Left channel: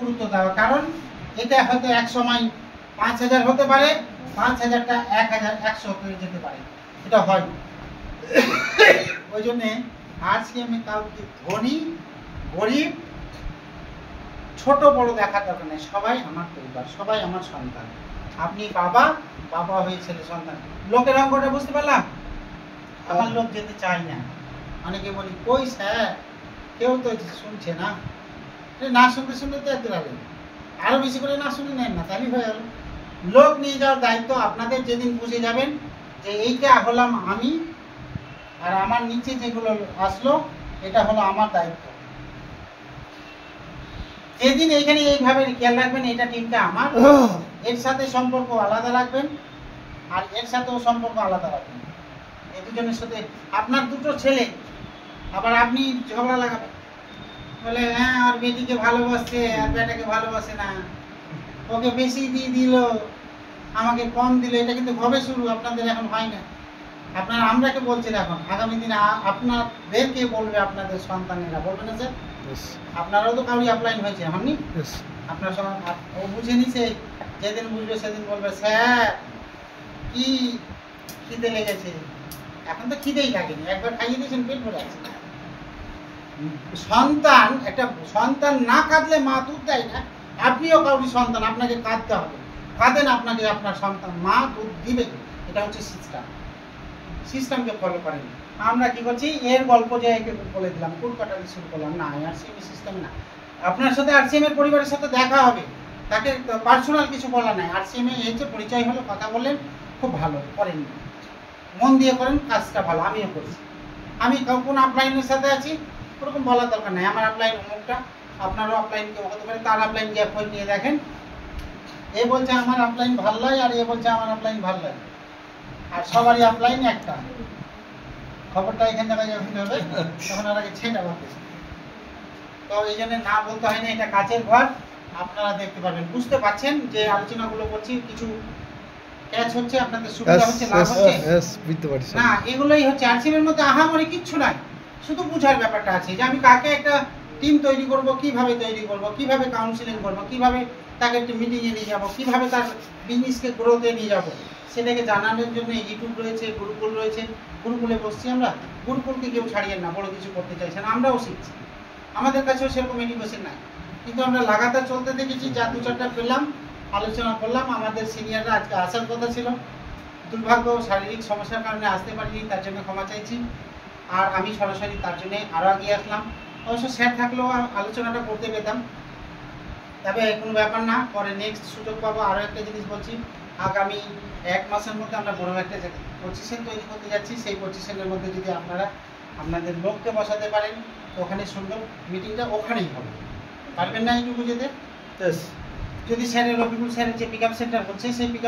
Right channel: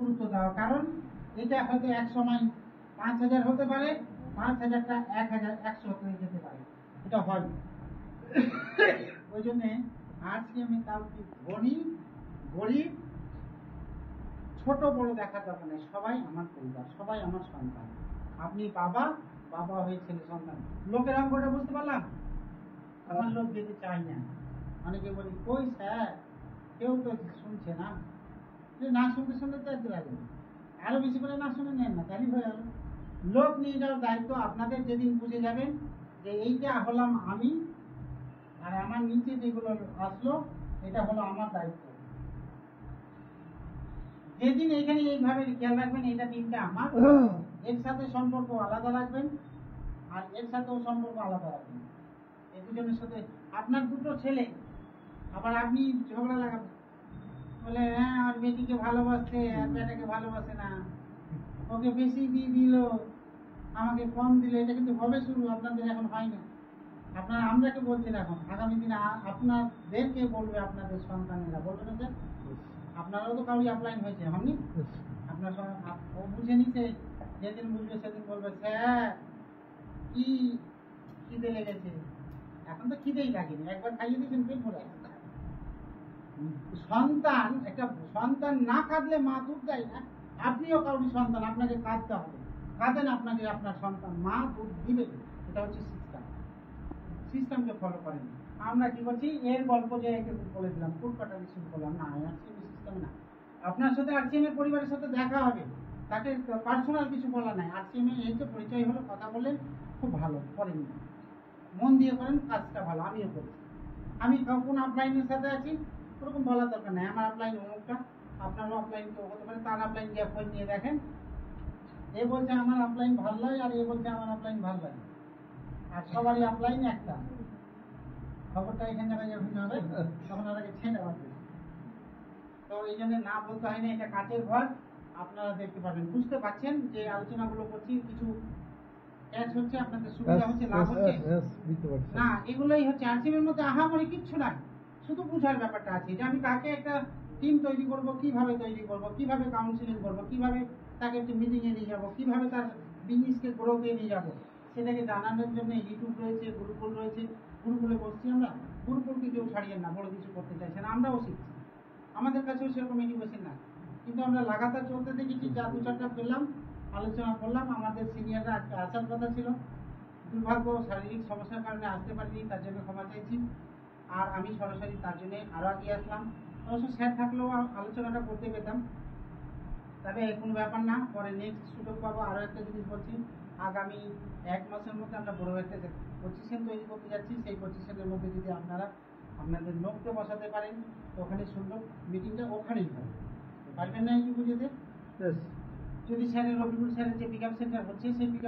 গুরুত্ব দেওয়া, কারণ এটা হয়তো এক সময় ৫,০০০ হতে পারে, ৫,০০০টা ১,১০০ হয়ে যেতে পারে, এটা হয়। ওই জন্যে আজকে আমি কাউকে ধনী গরিব ছোট বড় দেখার দরকার নেই, সবাই আমার পরিবার, সবাই আমার সন্তান। আপনি বাবা, বাবা হয়ে ছেলে সন্তান। লোকের অঙ্কটা বুঝতে পারলাম, আমার লোক যেতে চাই না। অনেকে বলি কই স্যার, কেউ তো শুনছে না। না শুনতে শুনতে তো এত লাগবে, আরো বেশি করে না শুনে নেন না, তাহলেই হয়ে গেল। লোক নিয়ে যাওয়ার দায়িত্ব আপনাদের। যেদিন বুঝে যাবেন যে এইটা হলাম আমি, আর আমার নিচে যেগুলো আসলো এটা হলো আমার দায়িত্ব, যেদিন এইখানে এইভাবে খেয়াল রাখবেন এটা টিমটা আমার, এর সাথে সম্পর্ক আলাদা রাখবেন আর এর সাথেও সম্পর্ক আলাদা রাখবেন। এই দুজনের সাথে আপনার দুটো ছেলে, আবার আপনি ঝগড়া লাগাবেন, বলে হ্যাঁ আর বেটিকে ভালোবাসছে আর বেটাকে ভালোবাসে না, ওকে বেশি দিয়ে দিল আমাকে কম দিল, এটা কিন্তু কবে শুরু? আপনাদের এখন হয় না। আপনারা আমরাকে বলছেন, এখন আগামী দিনে আপনাদেরকে বলবে আপনাদের সন্তানেরা, বলবে না স্যার? আপনারাও তো কাউরি আপলাইন হয়েছে, হননি? আপনার সঙ্গে ও বুঝে নিছে, যেদিন বুঝবে সেদিন বলবে স্যার কি খিদে লেগেছে। এখন তো খিদেই লাগেনি, একবার খাইয়ে দিয়েছেন, পেট ভরে আছে। সন্তান, একটা সন্তান না কাঁদলে মা দুধ দেয় না। আপনিও কাউরি সন্তান, আপনাকে কাঁদতে হবে, কাঁদেন, আপনাকে আপনার সন্তান মা দুধ দিবে। এটা হচ্ছে সিস্টেমকে ফলো করেন। আমরা কি করছি, এর গল্প যে বলে দিলাম, কোট কাটারি শুরু করলাম, না আরসিএম সিস্টেম না। আপনার সাথে আরসিএম এর পরিবারের সাথে দেখা হবে, তাকে পার্সোনাল কিছু বলা নাই। আরসিএম এ এসে পরিচয় হলো, কথা বললেন, খুব ভালো করেন, মন দিয়ে করেন, কাজটা ভালো, আমিও করছি। আমি কোন আপলাইনের সাথে আছি ওরকম বলার দরকার নাই, আমার আপলাইন অমুকটা, আপনারও আপলাইন কেউ হতে পারে, তার আপলাইন গ্যাপ হয়ে নিয়ে দেখেন, এ বলছে আমার আপলাইন ভাল লাগে আর এ বলছে আমার আপলাইন ভাল লাগে, আর সবারই আপলাইন একটা। খবরটা এখান থেকে যখন হবে তখন আর আগে ছেঁটা ভাববে। তো এই জন্য না বলতে হয় না, এটা কাচের ঘর। আপনারা দেখতে পাবেন, বুঝতে পারছেন যে আলোচনাগুলো করছি, কিছু ক্যাচ হচ্ছে, আপনাদের সুবিধা হচ্ছে, লাভ হচ্ছে না? এগুলোই হচ্ছে আরসিএম এর মধ্যে আহামরি কিচ্ছু নাই, শুধু বুঝার ব্যাপারটা আছে যে আমি কাকে একটা টিম তৈরি করব, কিভাবে তৈরি করব, কিভাবে কাউন্সিলিং করব, কিভাবে তাকে একটা মিটিংয়ে নিয়ে যাব, কিভাবে তার বিজনেসকে গ্রোথে নিয়ে যাব, সেটাকে জানানোর জন্য ইউটিউব রয়েছে, গুরুকুল রয়েছে। গুরুকুলে বসছি আমরা, গুরুকুলকে কেউ ছাড়িয়ে না, বড় কিছু করতে চাইছে না, আমরাও শিখছি, আমাদের কাছেও সেরকম এডুকেশন নাই, কিন্তু আমরা লাগাতার চলতে দেখেছি, যা দু চারটা পেলাম আলোচনা করলাম। আমাদের সিনিয়ররা আজকে আসার কথা ছিল, দুর্ভাগ্য শারীরিক সমস্যার কারণে আসতে পারিনি, তার জন্য ক্ষমা চাইছি। আর আমি সরাসরি তার জন্য আরও এগিয়ে আসলাম। অবশ্য স্যার থাকলেও আলোচনাটা করতে পেতাম, তবে কোনো ব্যাপার না, পরে নেক্সট সুযোগ পাবো। আরও একটা জিনিস বলছি, আগামী 1 মাসের মধ্যে আমরা বড় একটা পজিশন তৈরি করতে যাচ্ছি। সেই পজিশনের মধ্যে যদি আপনারা আপনাদের লোককে বসাতে পারেন, ওখানে সুন্দর মিটিংটা ওখানেই হবে। পারবেন না এইটুকু যেতে? যদি স্যারের রবিকুল স্যারের যে পিক আপ সেন্টার হচ্ছে, সেই পিক